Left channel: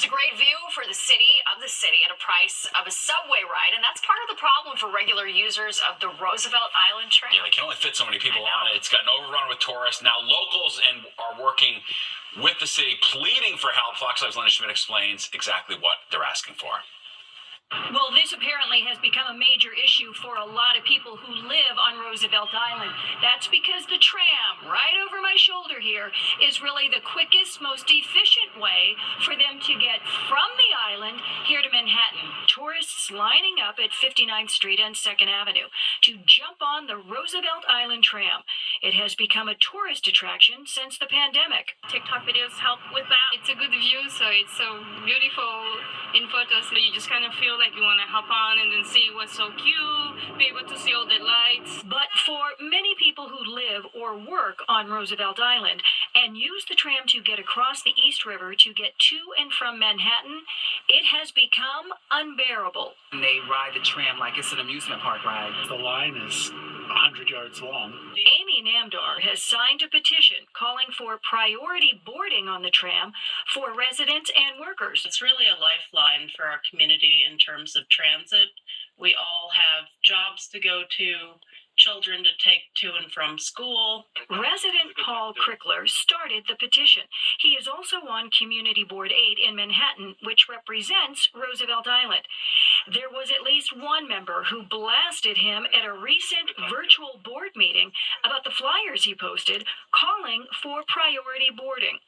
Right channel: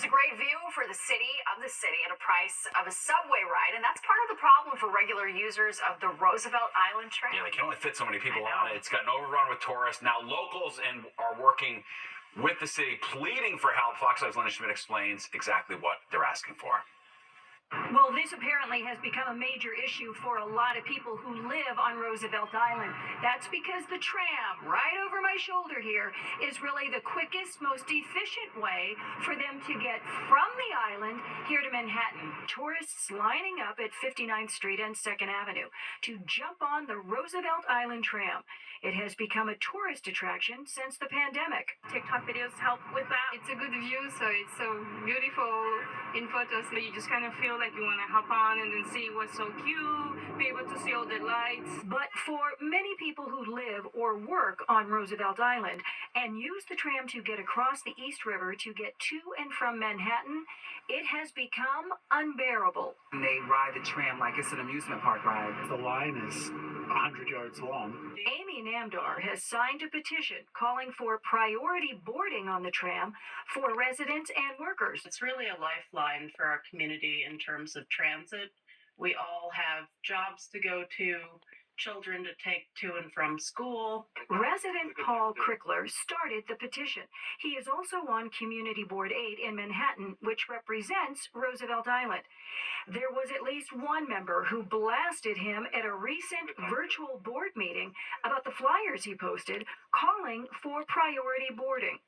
There's a great view for the city at a price of a subway ride, and that's part of the problem for regular users of the Roosevelt Island train. Yeah, they can only fit so many people on it. It's gotten overrun with tourists. Now locals are working with the city, pleading for help. Fox 5's Linda Schmidt explains exactly what they're asking for. Well, this apparently has become a major issue for a lot of people who live on Roosevelt Island. That's because the tram, right over my shoulder here, is really the quickest, most efficient way for them to get from the island here to Manhattan. Tourists lining up at 59th Street and 2nd Avenue to jump on the Roosevelt Island tram. It has become a tourist attraction since the pandemic. TikTok videos help with that. It's a good view, so it's so beautiful in photos. So you just kind of feel like you want to hop on and then see what's so cute, be able to see all the lights. But for many people who live or work on Roosevelt Island and use the tram to get across the East River to get to and from Manhattan, it has become unbearable. They ride the tram like it's an amusement park ride. The line is 100 yards long. Amy Namdar has signed a petition calling for priority boarding on the tram for residents and workers. It's really a lifeline for our community in terms of transit. We all have jobs to go to, children to take to and from school. Resident Paul Crickler started the petition. He is also on Community Board 8 in Manhattan, which represents Roosevelt Island. There was at least one member who blasted him at a recent virtual board meeting about the flyers he posted calling for priority boarding.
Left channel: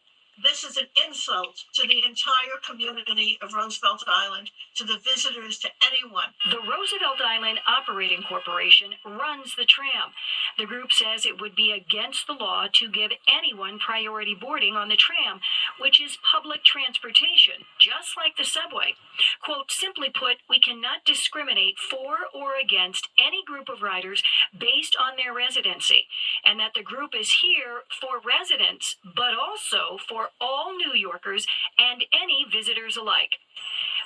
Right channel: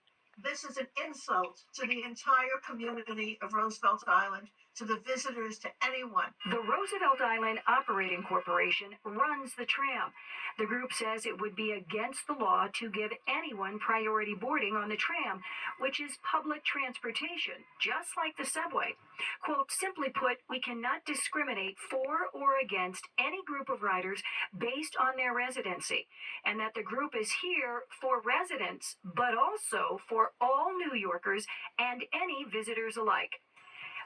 This is an insult to the entire community of Roosevelt Island, to the visitors, to anyone. The Roosevelt Island Operating Corporation runs the tram. The group says it would be against the law to give anyone priority boarding on the tram, which is public transportation, just like the subway. Quote, simply put, we cannot discriminate for or against any group of riders based on their residency, and that the group is here for residents, but also for all New Yorkers and any visitors alike.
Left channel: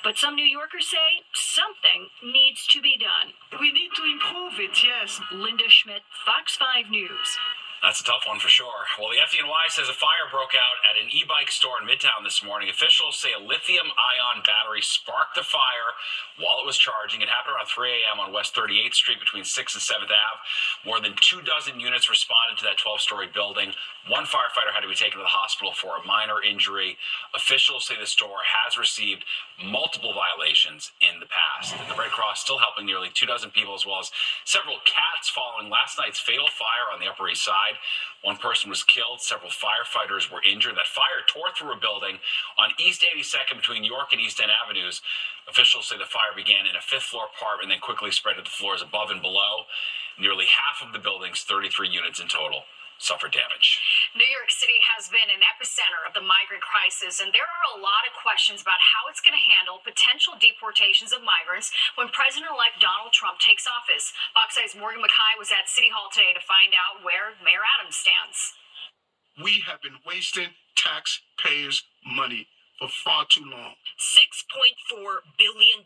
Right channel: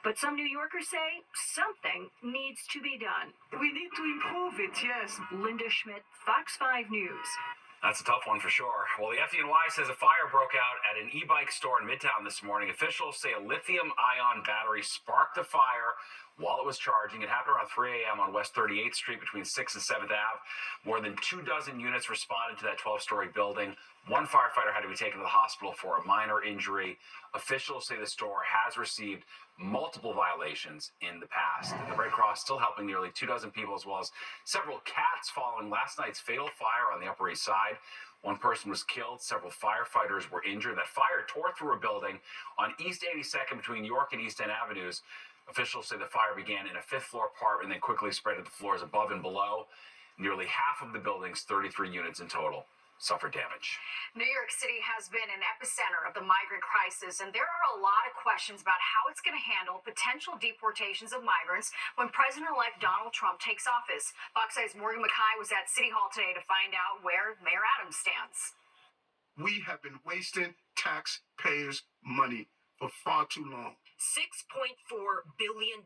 But some New Yorkers say something needs to be done. We need to improve it, yes. Linda Schmidt, Fox 5 News. That's a tough one for sure. Well, the FDNY says a fire broke out at an e-bike store in Midtown this morning. Officials say a lithium-ion battery sparked the fire while it was charging. It happened around 3 a.m. on West 38th Street between 6th and 7th Ave. More than 24 units responded to that 12-story building. One firefighter had to be taken to the hospital for a minor injury. Officials say the store has received multiple violations in the past. And the Red Cross still helping nearly 24 people, as well as several cats following last night's fatal fire on the Upper East Side. One person was killed. Several firefighters were injured. That fire tore through a building on East 82nd between York and East End Avenues. Officials say the fire began in a fifth-floor apartment and then quickly spread to the floors above and below. Nearly half of the building's 33 units in total suffered damage. New York City has been an epicenter of the migrant crisis, and there are a lot of questions about how it's going to handle potential deportations of migrants when President-elect Donald Trump takes office. Fox 5's Morgan McKay was at City Hall today to find out where Mayor Adams stands. We have been wasting taxpayers' money for far too long. $6.4 billion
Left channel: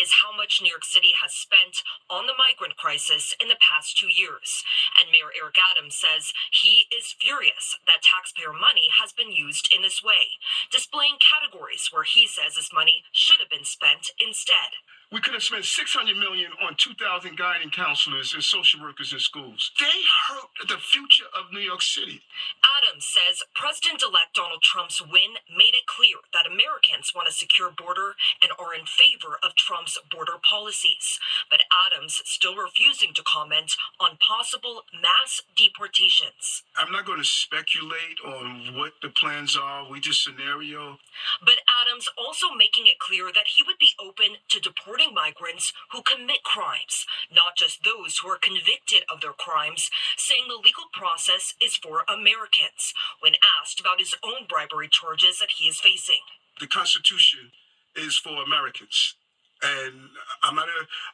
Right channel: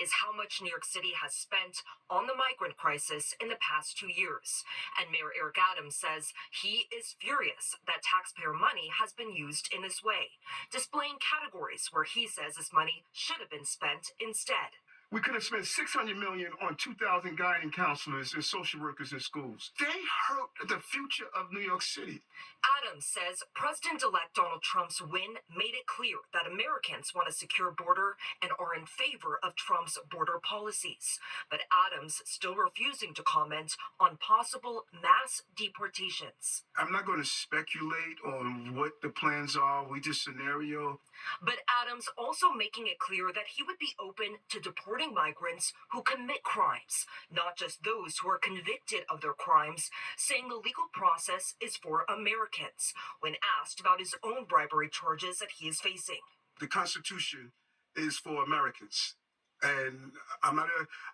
is how much New York City has spent on the migrant crisis in the past 2 years. And Mayor Eric Adams says he is furious that taxpayer money has been used in this way, displaying categories where he says this money should have been spent instead. We could have spent $600 million on 2,000 guiding counselors and social workers in schools. They hurt the future of New York City. Adams says President-elect Donald Trump's win made it clear that Americans want a secure border and are in favor of Trump's border policies. But Adams still refusing to comment on possible mass deportations. I'm not going to speculate on what the plans are. We just scenario. But Adams also making it clear that he would be open to deporting migrants who commit crimes, not just those who are convicted of their crimes, saying the legal process is for Americans when asked about his own bribery charges that he is facing. The Constitution is for Americans. And I'm not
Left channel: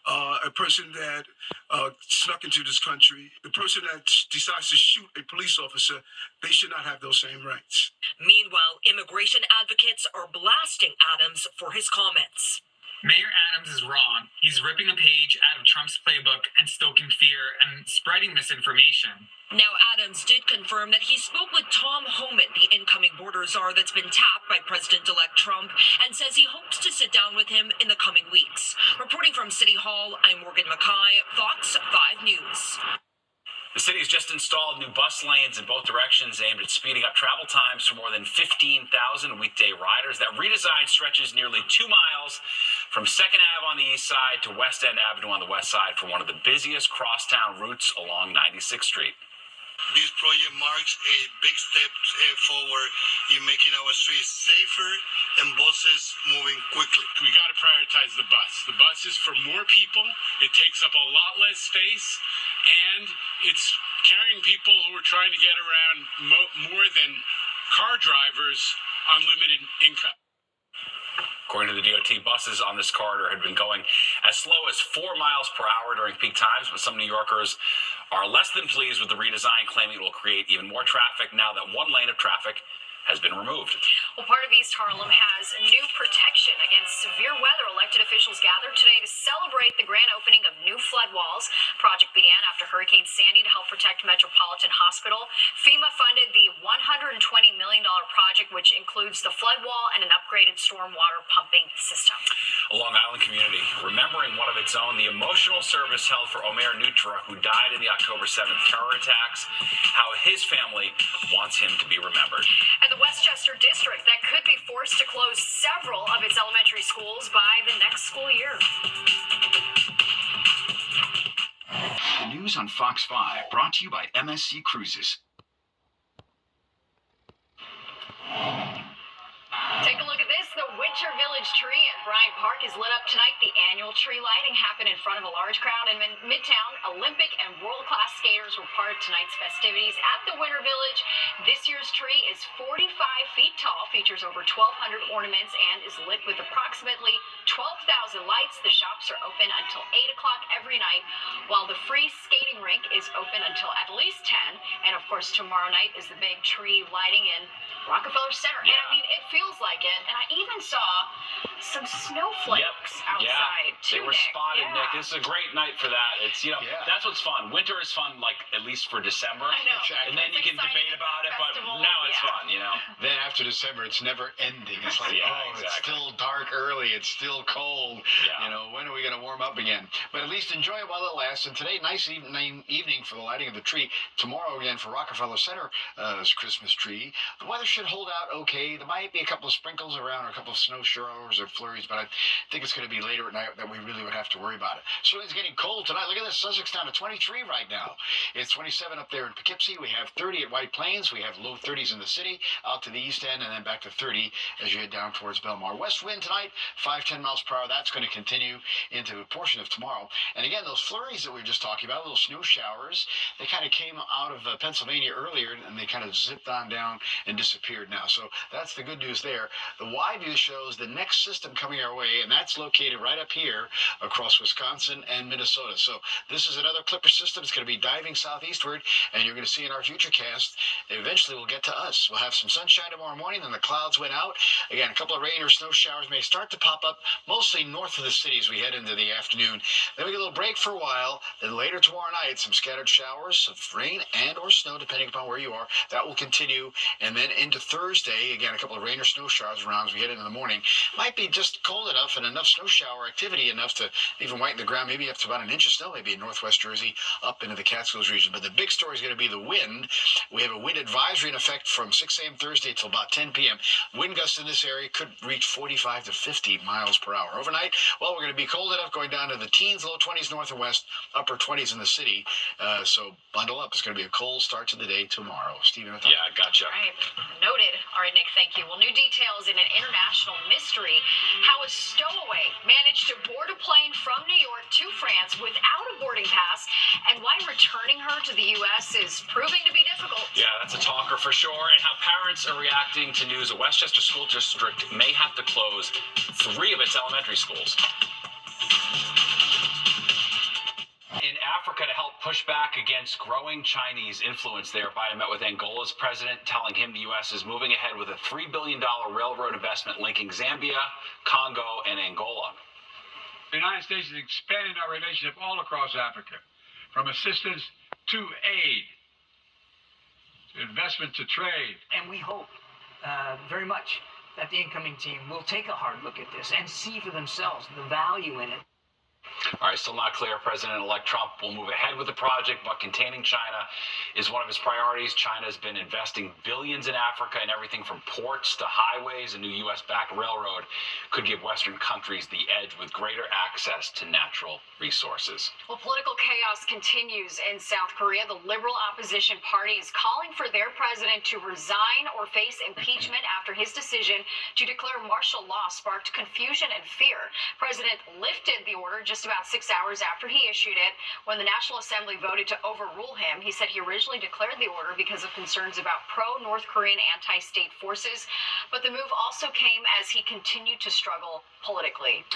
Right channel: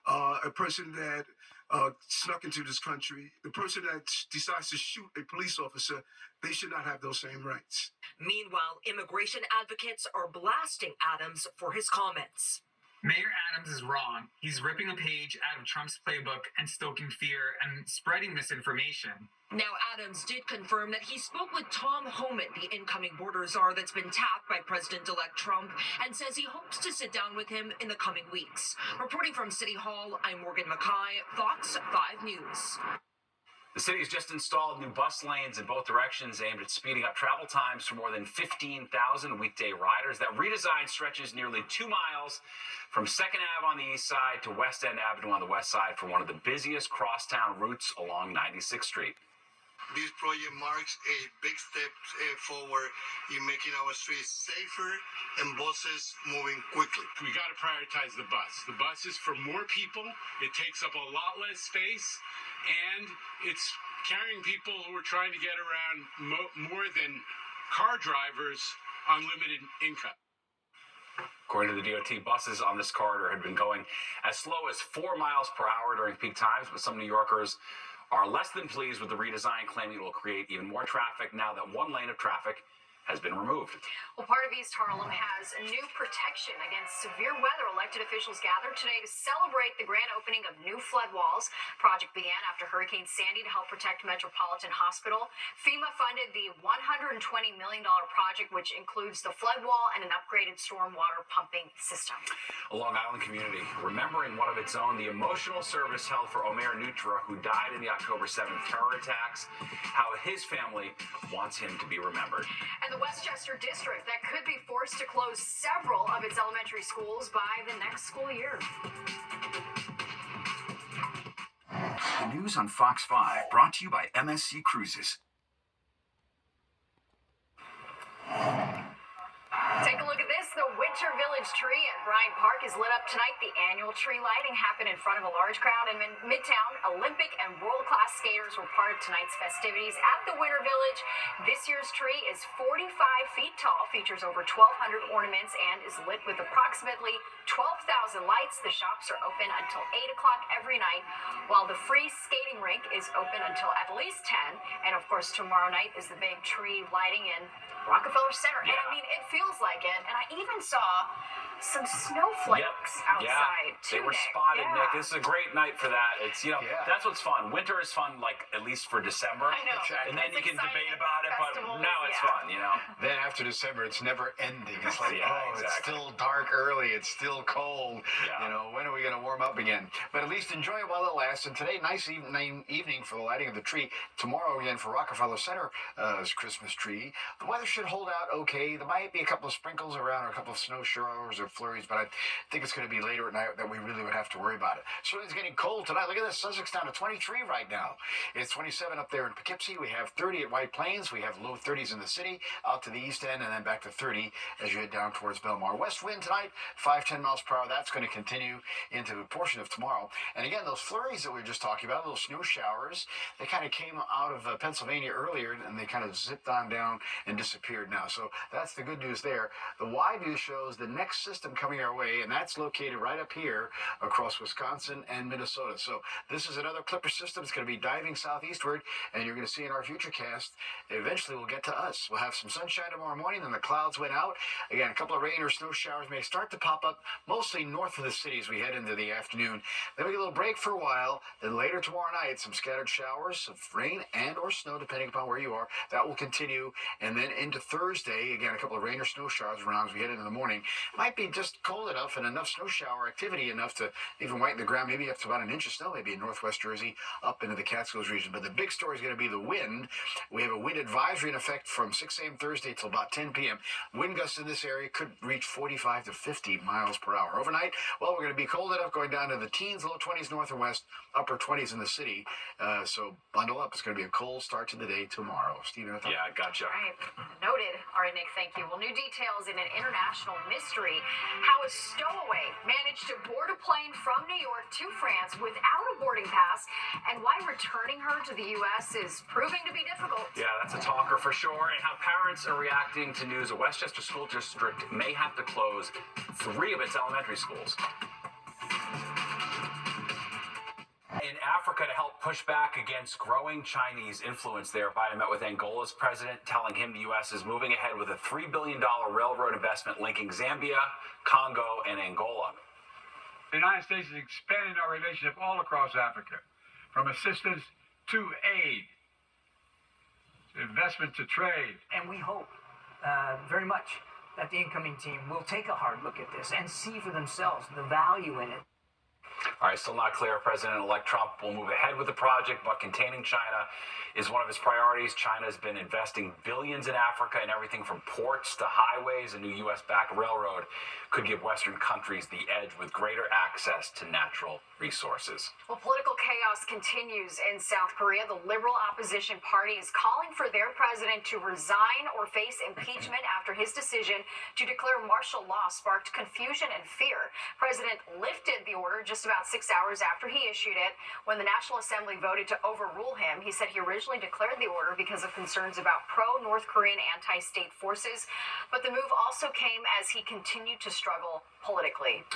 a person that snuck into this country. The person that decides to shoot a police officer, they should not have those same rights. Meanwhile, immigration advocates are blasting Adams for his comments. Mayor Adams is wrong. He's ripping a page out of Trump's playbook and stoking fear and spreading misinformation. Now, Adams did confirm that he spoke with Tom Homan, the incoming border czar that's been tapped by President-elect Trump, and says he hopes to sit down with him in the coming weeks. Reporting from City Hall, I'm Morgan Mackay, Fox 5 News. The city has just installed new bus lanes in both directions aimed at speeding up travel times for more than 15,000 weekday riders. That redesign stretches nearly 2 miles from 2nd Ave on the east side to West End Avenue on the west side for one of the busiest crosstown routes along 96th Street. This project marks a big step forward in making our streets safer and buses moving quickly. We got to prioritize the bus. The bus is for more people. It takes up a lot less space, and it's carrying people who are trying to get around more than car drivers on limited income. According to the DOT, buses on this corridor had been going as slow as 4 miles per hour during peak times, but some New Yorkers are less than pleased with the redesign, claiming it will create even more traffic now that one lane of traffic has been removed. Well, part of East Harlem has new protection against severe weather. Elected officials gathered today to celebrate the grand opening of new flood walls. Project began after Hurricane Sandy to help protect Metropolitan Hospital. FEMA funded the $120 million project, which includes the flood wall and an upgraded stormwater pumping system. A Long Island community remembering one of its own, the emotional service held for Omer Nutra, who died in the October 7th terror attacks, how his family wants him to be remembered. And the Westchester district that could be forced to close several of its elementary schools by the next school year. The news on Fox 5, brought to you by MSC Cruises. Take a look at this. The Winter Village tree at Bryant Park is lit up tonight. The annual tree lighting happened in front of a large crowd in Midtown. Olympic and world-class skaters were part of tonight's festivities at the Winter Village. This year's tree is 45 feet tall, features over 1,200 ornaments, and is lit with approximately 12,000 lights. The shops are open until 8 o'clock every night, while the free skating rink is open until at least 10. And, of course, tomorrow night is the big tree lighting in Rockefeller Center. Yeah. And, I mean, it feels like it. And I even saw some snowflakes outside, They too, were Nick. spotted, Yeah. Nick. This is a great night for that. It's, that's what's fun. Winter is fun, like, at least for December. I know. And then It's you can exciting debate about it, but festivals, now it's fun, Then after December, it's never ending. It's like, exactly. It's still dark early. It's still cold. Yeah. When are we going to warm up again? But at least enjoy it while it lasts. And today, nice evening for the lighting of the tree. Tomorrow, again, for Rockefeller Center's Christmas tree. The weather should hold out okay. There might be a couple of sprinkles around or a couple of snow showers or flurries, but I think it's going to be later at night that we really would have to worry about it. So it's getting cold tonight. Look at this. Sussex down to 23 right now. It's 27 up there in Poughkeepsie. We have 30 at White Plains. We have low 30s in the city, out to the east end, and then back to 30 as you head down towards Belmar. West wind tonight, 5-10 miles per hour. That's going to continue into a portion of tomorrow. And again, those flurries that we were just talking about, little snow showers, they kind of came out of Pennsylvania earlier, and they kind of zipped on down and disappeared now. So that's the good news there. The wide view shows the next system coming our way, and that's located right up here across Wisconsin and Minnesota. So this is another Clipper system. It's going to be diving southeastward, and you're going to see in our futurecast, eventually we'll get to us. We'll have some sunshine tomorrow morning, then the clouds went out. Again, a couple of rain or snow showers may start to pop up, mostly north of the city as we head into the afternoon. Then we get a little break for a while. Then later tomorrow night, some scattered showers of rain and or snow, depending upon where you are. That will continue. And then into Thursday, again, a couple of rain or snow showers around as we head into the morning. Might be just cold enough and enough snow shower activity enough to even whiten the ground, maybe up to about an inch of snow, maybe in northwest Jersey, up into the Catskills region. But the big story is going to be the wind. We have a wind advisory in effect from 6 a.m. Thursday till about 10 p.m. Wind gusts in this area could reach 45 to 50 miles per hour. Overnight, well, we're going to be cold enough going down to the teens, low 20s north and west, upper 20s in the city. So bundle up. It's going to be a cold start to the day tomorrow. Steven, yeah, gotcha. All right. Noted. All right, Nick, thank you. Well, new details in an international mystery. How a stowaway managed to board a plane from New York to France without a boarding pass, and why returning her to the U.S. is proving to be difficult. Yeah, that's a talker for sure. And how parents are reacting to news a Westchester School District may have to close 3 of its elementary schools. In Africa, to help push back against growing Chinese influence there, Biden met with Angola's president, telling him the U.S. is moving ahead with a $3 billion railroad investment linking Zambia, Congo, and Angola. The United States is expanding our relationship all across Africa, from assistance to aid, to investment to trade. And we hope very much that the incoming team will take a hard look at this and see for themselves the value in it. All right, still not clear if President-elect Trump will move ahead with the project, but containing China is one of his priorities. China has been investing billions in Africa, and everything from ports to highways. A new U.S.-backed railroad could give Western countries the edge with greater access to natural resources. Well, political chaos continues in South Korea. The Liberal Opposition Party is calling for their president to resign or face impeachment after his decision to declare martial law sparked confusion and fear. President lifted the order just about 6 hours after he issued it. When the National Assembly voted to overrule him, he said he originally declared the order because of concerns about pro-North Korean anti-state forces. But the move also came as he continued to struggle politically.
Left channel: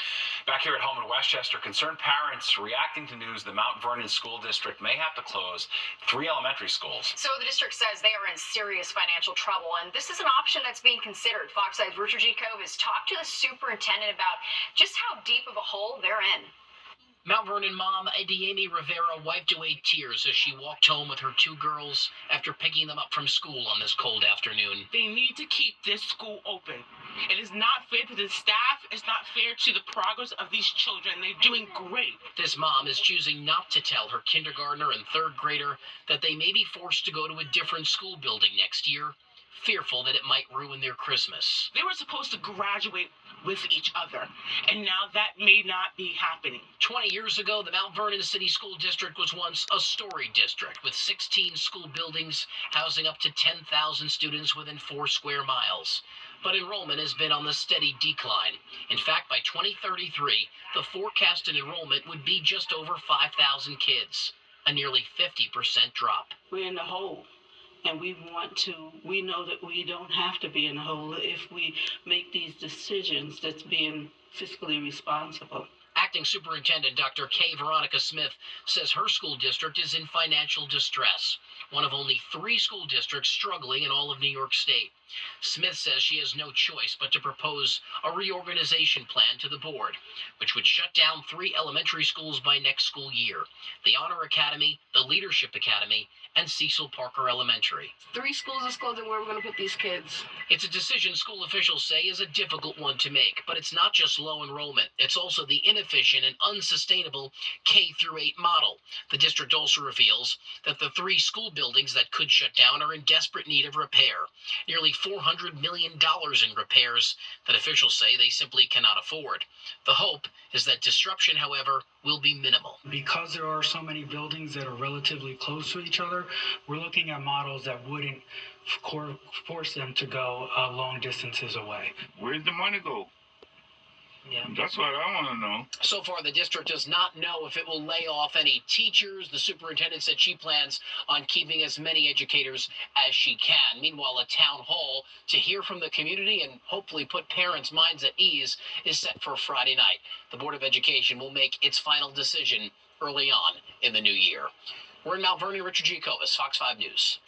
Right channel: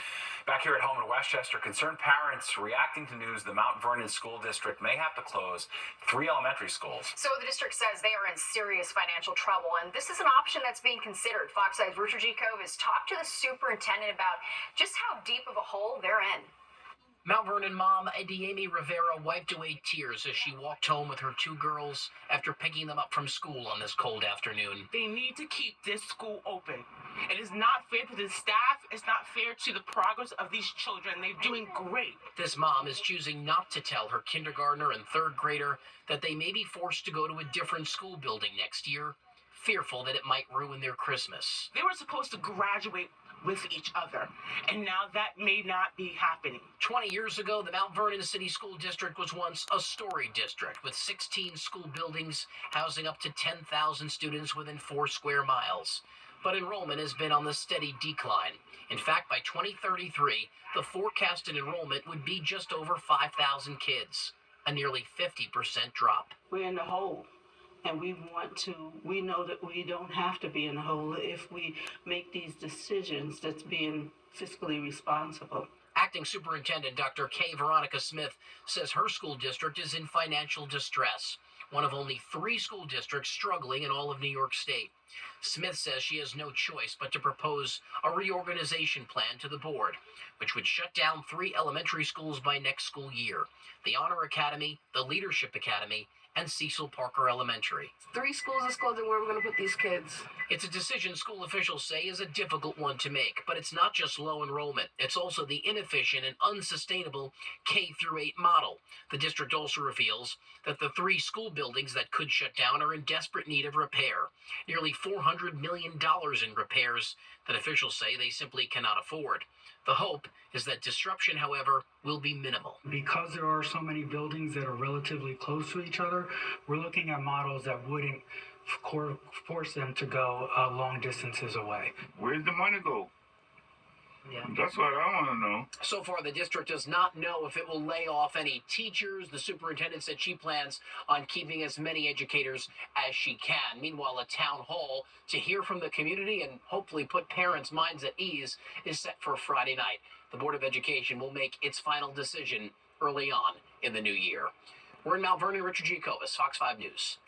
Back here at home in Westchester, concerned parents reacting to news the Mount Vernon School District may have to close 3 elementary schools. So the district says they are in serious financial trouble, and this is an option that's being considered. Fox 5's Richard G. Cove has talked to the superintendent about just how deep of a hole they're in. Mount Vernon mom Adiemi Rivera wiped away tears as she walked home with her 2 girls after picking them up from school on this cold afternoon. They need to keep this school open. It is not fair to the staff. It's not fair to the progress of these children. They're doing great. This mom is choosing not to tell her kindergartner and 3rd grader that they may be forced to go to a different school building next year, fearful that it might ruin their Christmas. They were supposed to graduate with each other, and now that may not be happening. 20 years ago, the Mount Vernon City School District was once a story district with 16 school buildings housing up to 10,000 students within 4 square miles. But enrollment has been on the steady decline. In fact, by 2033, the forecasted enrollment would be just over 5,000 kids, a nearly 50% drop. We're in the hole. And we know that we don't have to be in a hole if we make these decisions that's being fiscally responsible. Acting Superintendent Dr. K. Veronica Smith says her school district is in financial distress, one of only 3 school districts struggling in all of New York State. Smith says she has no choice but to propose a reorganization plan to the board, which would shut down 3 elementary schools by next school year: the Honor Academy, the Leadership Academy, and Cecil Parker Elementary. 3 schools is closing. Where are we going to put these kids? It's a decision school officials say is a difficult one to make, but it's not just low enrollment. It's also the inefficient and unsustainable K-8 model. The district also reveals that the 3 school buildings that could shut down are in desperate need of repair. Nearly $400 million in repairs that officials say they simply cannot afford. The hope is that disruption, however, will be minimal. Because there are so many buildings that are relatively close to each other, we're looking at models that wouldn't force them to go long distances away. Where's the money go? Yeah. That's what I want to know. So far, the district does not know if it will lay off any teachers. The superintendent said she plans on keeping as many educators as she can. Meanwhile, a town hall to hear from the community and hopefully put parents' minds at ease is set for Friday night. The Board of Education will make its final decision early on in the new year. We're in Mount Vernon. Richard G. Covas, Fox 5 News.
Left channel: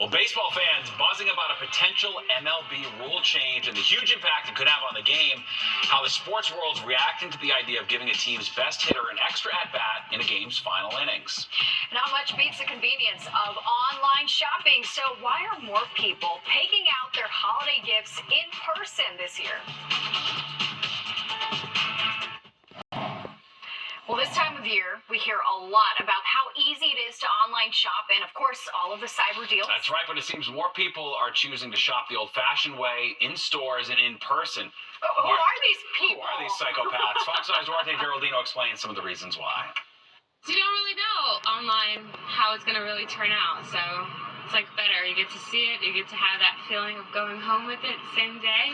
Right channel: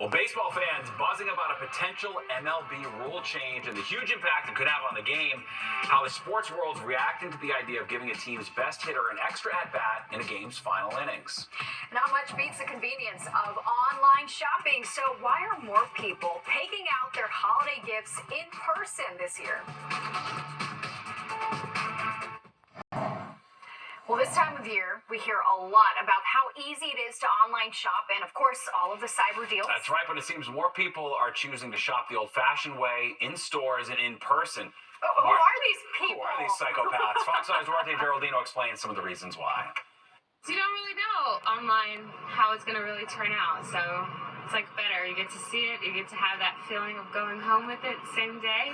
Well, baseball fans buzzing about a potential MLB rule change and the huge impact it could have on the game. How the sports world's reacting to the idea of giving a team's best hitter an extra at-bat in a game's final innings. Not much beats the convenience of online shopping. So why are more people picking out their holiday gifts in person this year? Well, this time of year, we hear a lot about how easy it is to online shop and, of course, all of the cyber deals. That's right, but it seems more people are choosing to shop the old-fashioned way, in stores and in person. Who are these people? Who are these psychopaths? Fox 5's Duarte Geraldino explains some of the reasons why. So you don't really know online how it's going to really turn out, so it's like better. You get to see it, you get to have that feeling of going home with it the same day.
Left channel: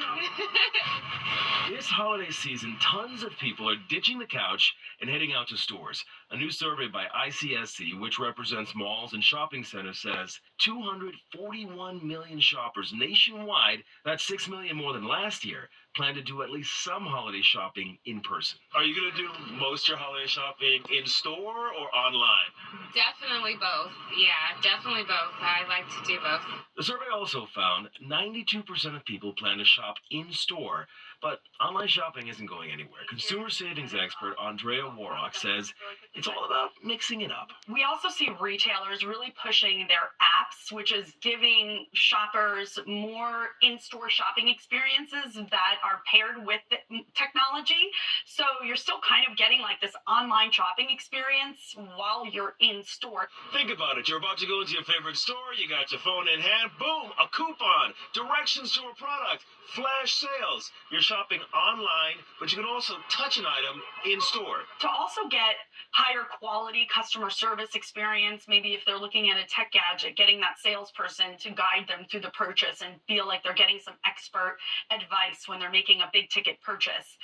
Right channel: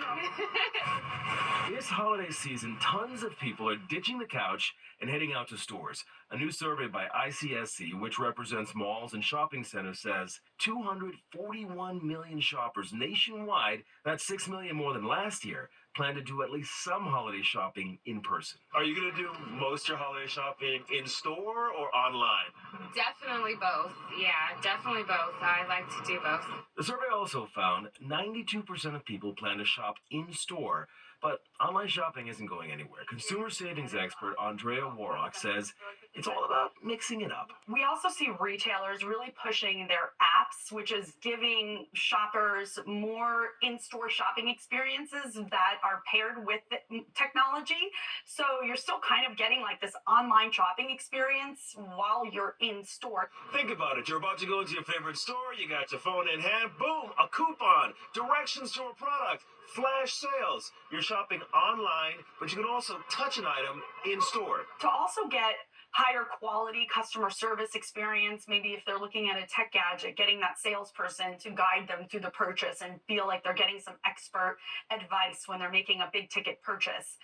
This holiday season, tons of people are ditching the couch and heading out to stores. A new survey by ICSC, which represents malls and shopping centers, says 241 million shoppers nationwide, that's 6 million more than last year, plan to do at least some holiday shopping in person. Are you going to do most of your holiday shopping in store or online? Definitely both. Yeah, definitely both. I like to do both. The survey also found 92% of people plan to shop in store, but online shopping isn't going anywhere. Consumer savings expert Andrea Warrock says it's all about mixing it up. We also see retailers really pushing their apps, which is giving shoppers more in-store shopping experiences that are paired with the technology. So you're still kind of getting like this online shopping experience while you're in store. Think about it. You're about to go into your favorite store. You got your phone in hand. Boom, a coupon, directions to a product, flash sales. You're shopping online, but you can also touch an item in store. To also get higher quality customer service experience, maybe if they're looking at a tech gadget, getting that salesperson to guide them through the purchase and feel like they're getting some expert advice when they're making a big ticket purchase.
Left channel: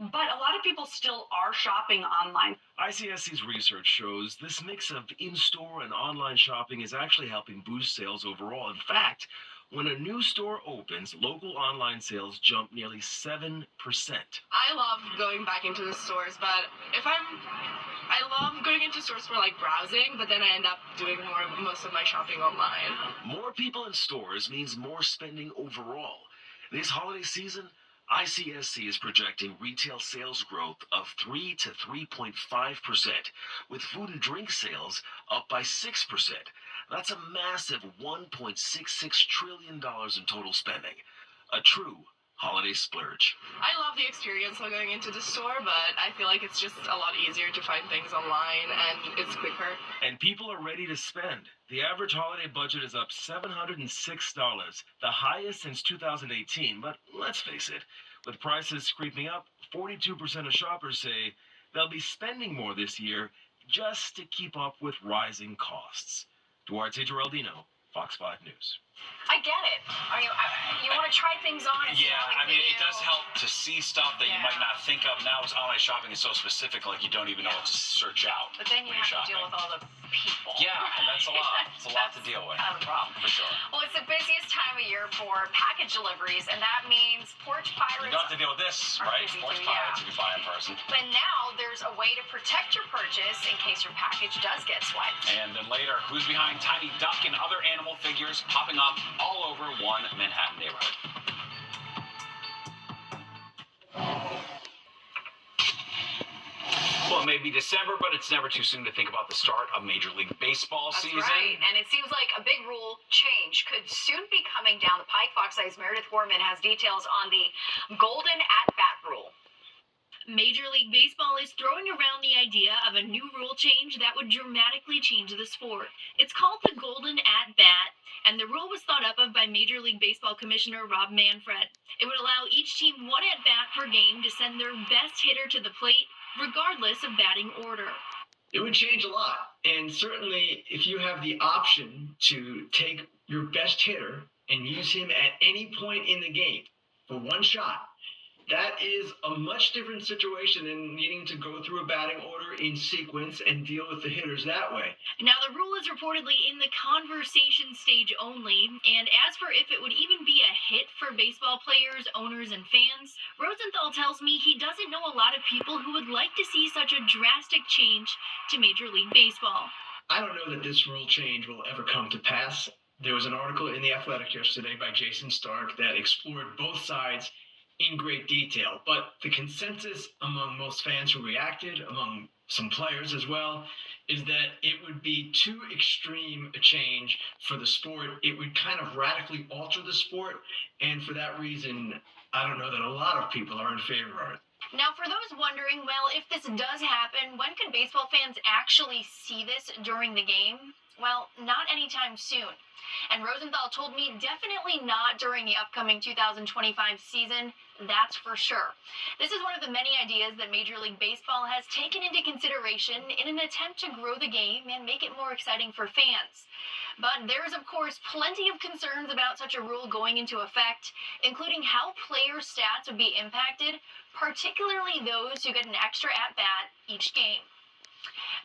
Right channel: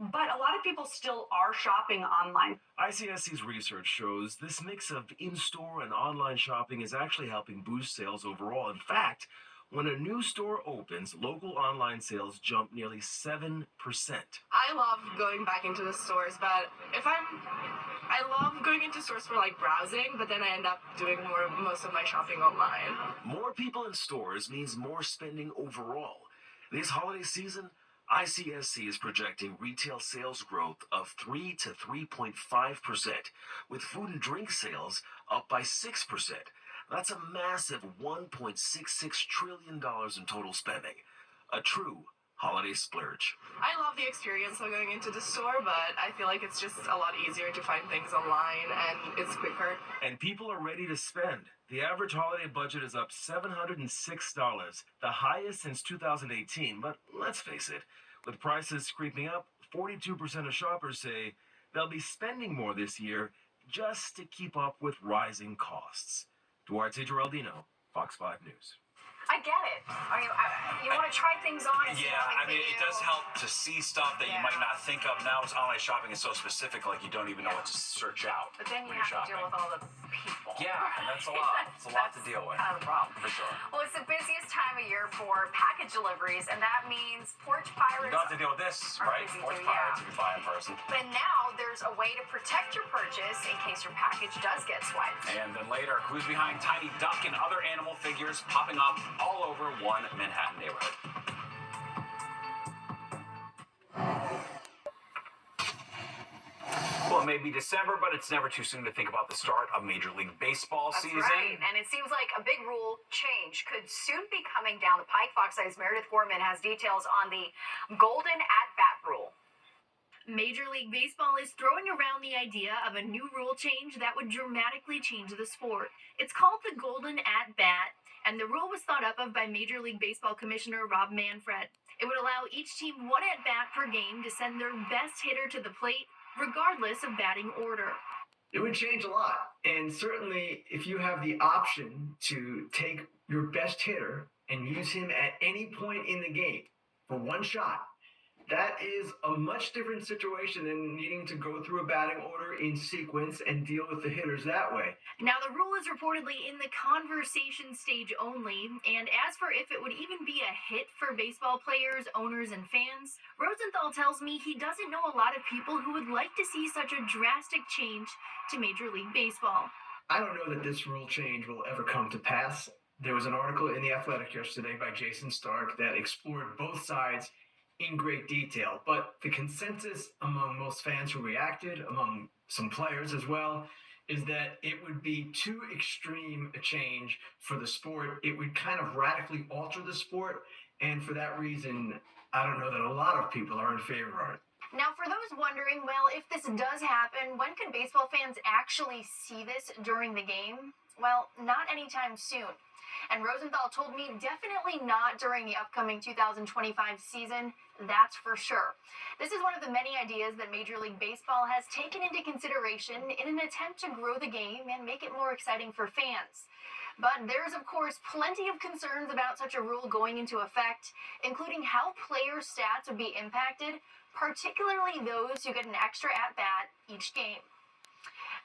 But a lot of people still are shopping online. ICSC's research shows this mix of in-store and online shopping is actually helping boost sales overall. In fact, when a new store opens, local online sales jump nearly 7%. I love going back into the stores, but I love going into stores for like browsing, but then I end up doing most of my shopping online. More people in stores means more spending overall. This holiday season, ICSC is projecting retail sales growth of 3 to 3.5%, with food and drink sales up by 6%. That's a massive $1.66 trillion in total spending. A true holiday splurge. I love the experience of going into the store, but I feel like it's just a lot easier to find things online and it's quicker. And people are ready to spend. The average holiday budget is up $706, the highest since 2018. But let's face it, with prices creeping up, 42% of shoppers say they'll be spending more this year just to keep up with rising costs. Duarte Geraldino, Fox 5 News. I get it. I mean, you want to try things on. Yeah, I mean, it does help to see stuff that you might not think of. Now, online shopping is so specific, like you don't even know what to search out. But then you have to deal with all the people. Yeah, and that's a lot. It's a lot to deal with. Kind of the problem. For sure. Well, it's the busiest time of year for package deliveries, and that means Porch Pirates. You don't have to deal with this, right? Porch Pirates, if you buy in person. But now there's a way to protect your purchase in case your package does get swiped. And then later, who's behind Tiny Duck and other animal figures popping up all over one Manhattan neighborhood. Well, it may be December, but it's never too soon to think about the start of Major League Baseball season. That's right, and it seems like a big rule change could soon be coming down the pike. Fox 5's Meredith Gorman has details on the Golden At-Bat rule. Major League Baseball is throwing around the idea of a new rule change that would dramatically change the sport. It's called the Golden At-Bat, and the rule was thought up of by Major League Baseball Commissioner Rob Manfred. It would allow each team one at-bat per game to send their best hitter to the plate, regardless of batting order. It would change a lot, and certainly if you have the option to take your best hitter and use him at any point in the game for one shot, that is a much different situation than needing to go through a batting order in sequence and deal with the hitters that way. Now, the rule is reportedly in the conversation stage only, and as for if it would even be a hit for baseball players, owners, and fans, Rosenthal tells me he doesn't know a lot of people who would like to see such a drastic change to Major League Baseball. I don't know that this rule change will ever come to pass. There was an article in The Athletic yesterday by Jason Stark that explored both sides in great detail, but the consensus among most fans who reacted, among some players as well, is that it would be too extreme a change for the sport. It would kind of radically alter the sport, and for that reason, I don't know that a lot of people are in favor of it. Now, for those wondering, well, if this does happen, when could baseball fans actually see this during the game? Well, not anytime soon. And Rosenthal told me definitely not during the upcoming 2025 season, that's for sure. This is one of the many ideas that Major League Baseball has taken into consideration in an attempt to grow the game and make it more exciting for fans. But there is, of course, plenty of concerns about such a rule going into effect, including how player stats would be impacted, particularly those who get an extra at-bat each game.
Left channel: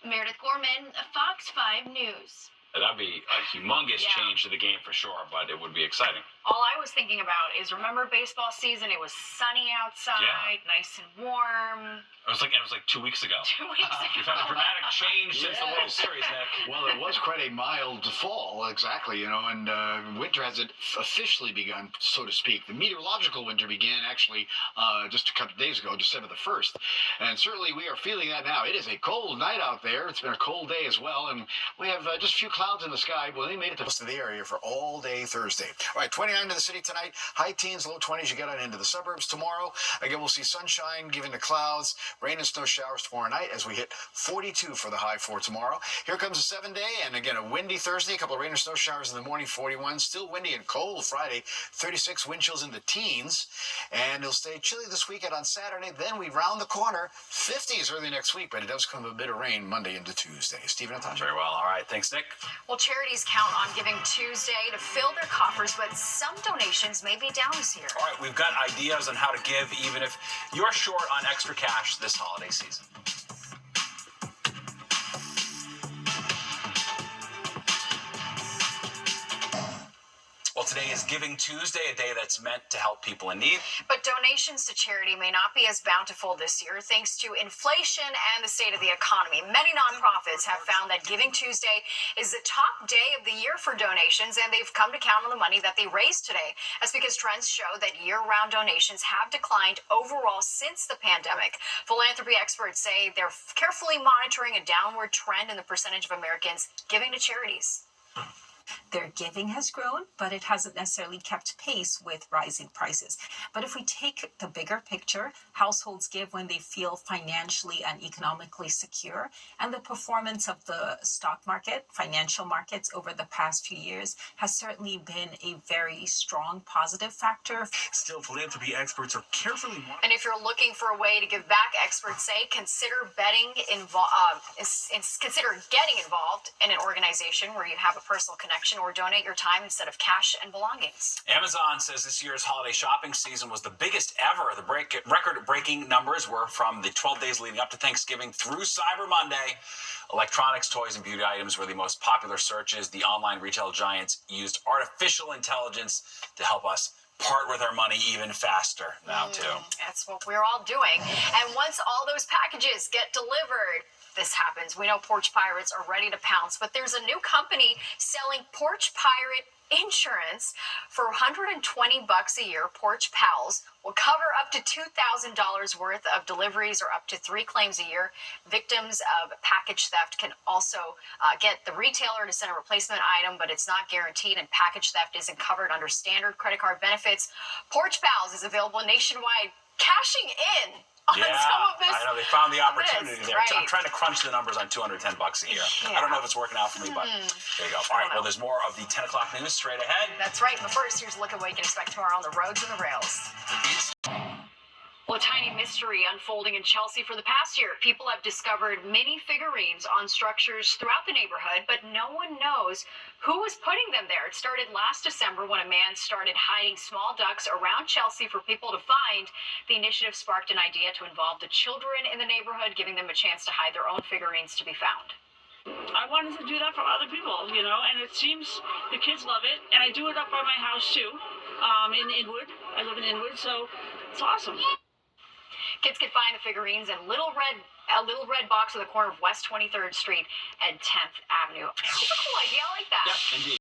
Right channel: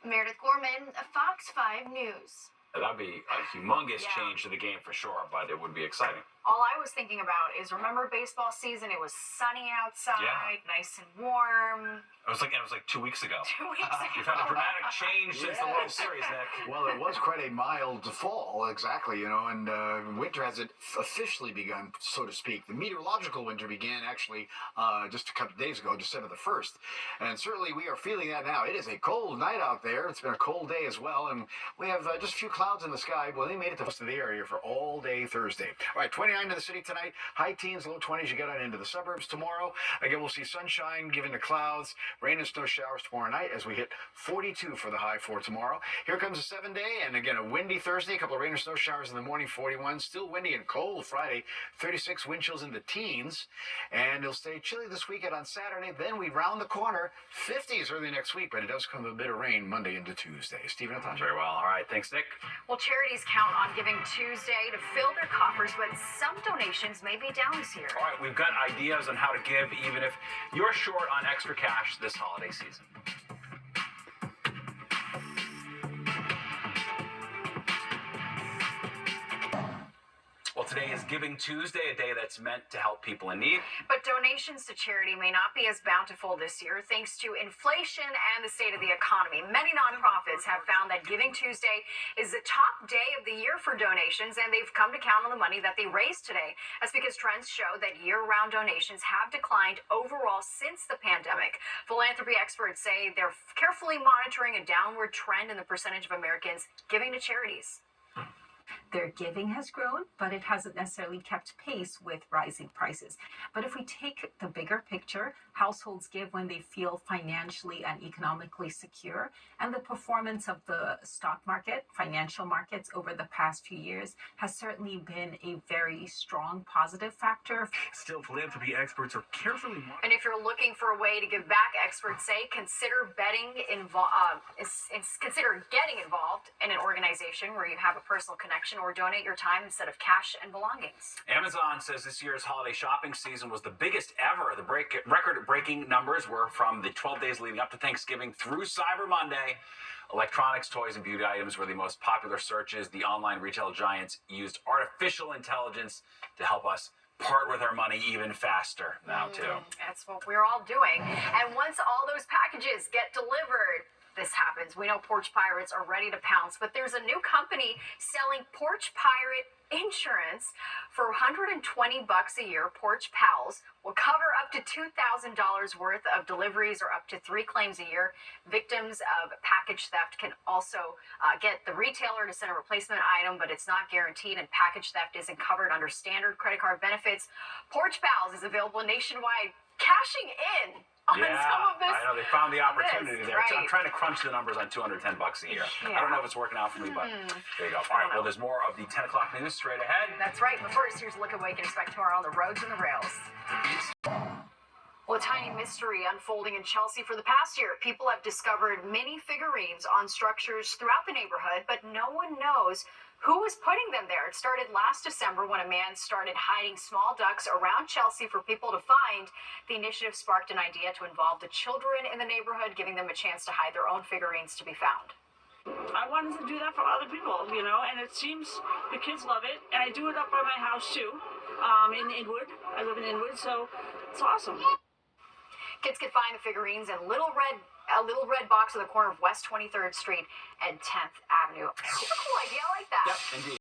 Meredith Gorman, Fox 5 News. That'd be a humongous change to the game for sure, but it would be exciting. All I was thinking about is, remember baseball season? It was sunny outside, nice and warm. It was like 2 weeks ago. 2 weeks ago. We've had a dramatic change since the World Yes. Series, Nick. Well, it was quite a mild fall, exactly, and winter hasn't officially begun, so to speak. The meteorological winter began actually just a couple of days ago, December the 1st. And certainly we are feeling that now. It is a cold night out there. It's been a cold day as well, and we have just a few clouds in the sky. Well, they made it to most of the area for all day Thursday. All right, 29 to the city tonight, high teens, low 20s. You get on into the suburbs tomorrow. Again, we'll see sunshine given to clouds, rain and snow showers tomorrow night as we hit 42 for the high for tomorrow. Here comes a 7-day, and again, a windy Thursday, a couple of rain and snow showers in the morning, 41. Still windy and cold Friday, 36, wind chills in the teens, and it'll stay chilly this weekend on Saturday. Then we round the corner, 50s early next week, but it does come with a bit of rain Monday into Tuesday. Stephen, Very well. All right. Thanks, Nick. Well, charities count on Giving Tuesday to fill their coffers, but some donations may be down this year. All right, we've got ideas on how to give even if you're short on extra cash this holiday season. Well, today is Giving Tuesday, a day that's meant to help people in need. But donations to charity may not be as bountiful this year thanks to inflation and the state of the economy. Many nonprofits have found that Giving Tuesday is the top day of the year for donations, and they've come to count on the money that they raised today. That's because trends show that year-round donations have declined overall since the pandemic. Philanthropy experts say they're carefully monitoring a downward trend in the percentage of Americans giving to charities. Their giving has grown, but it hasn't necessarily kept pace with rising prices. But if we take the bigger picture, households give when they feel financially and economically secure, and the performance of the stock market, financial markets over the past few years has certainly been a very strong positive factor. Still, philanthropy experts are carefully monitoring. And if you're looking for a way to give back, experts say consider consider getting involved in an organization where you have a personal connection, or donate your time instead of cash and belongings. Amazon says this year's holiday shopping season was the biggest ever. The record-breaking numbers were from the 12 days leading up to Thanksgiving through Cyber Monday. Electronics, toys, and beauty items were the most popular searches. The online retail giants used artificial intelligence to help us part with our money even faster now, too. That's what we're all doing. And once all those packages get delivered, this happens. We know Porch Pirates are ready to pounce, but there's a new company selling Porch Pirate insurance for $120 a year. Porch Pals will cover up to $2,000 worth of deliveries or up to 3 claims a year. Victims of package theft can also get the retailer to send a replacement item, but it's not guaranteed, and package theft isn't covered under standard credit card benefits. Porch Pals is available nationwide, cashing in on some of this. I know they found the opportunity there. Right. I'm trying to crunch the numbers on $210 a year. Yeah. I don't know if it's working out for me, but there you go. All right, well, there's more of the 10 o'clock news straight ahead. That's right. But first, here's a look at what you can expect tomorrow on the roads and the rails. Well, a tiny mystery unfolding in Chelsea for the past year. People have discovered mini figurines on structures throughout the neighborhood, but no one knows who was putting them there. It started last December when a man started hiding small ducks around Chelsea for people to find. The initiative sparked an idea to involve the children in the neighborhood, giving them a chance to hide their own figurines to be found. I wanted to do that for other people, and it seems the kids love it. And I do it up by my house, too, in Inwood. I live in Inwood, so it's awesome. Kids can find the figurines in a little red box on the corner of West 23rd Street and 10th Avenue. It's a cool idea. I like that. Yep, indeed.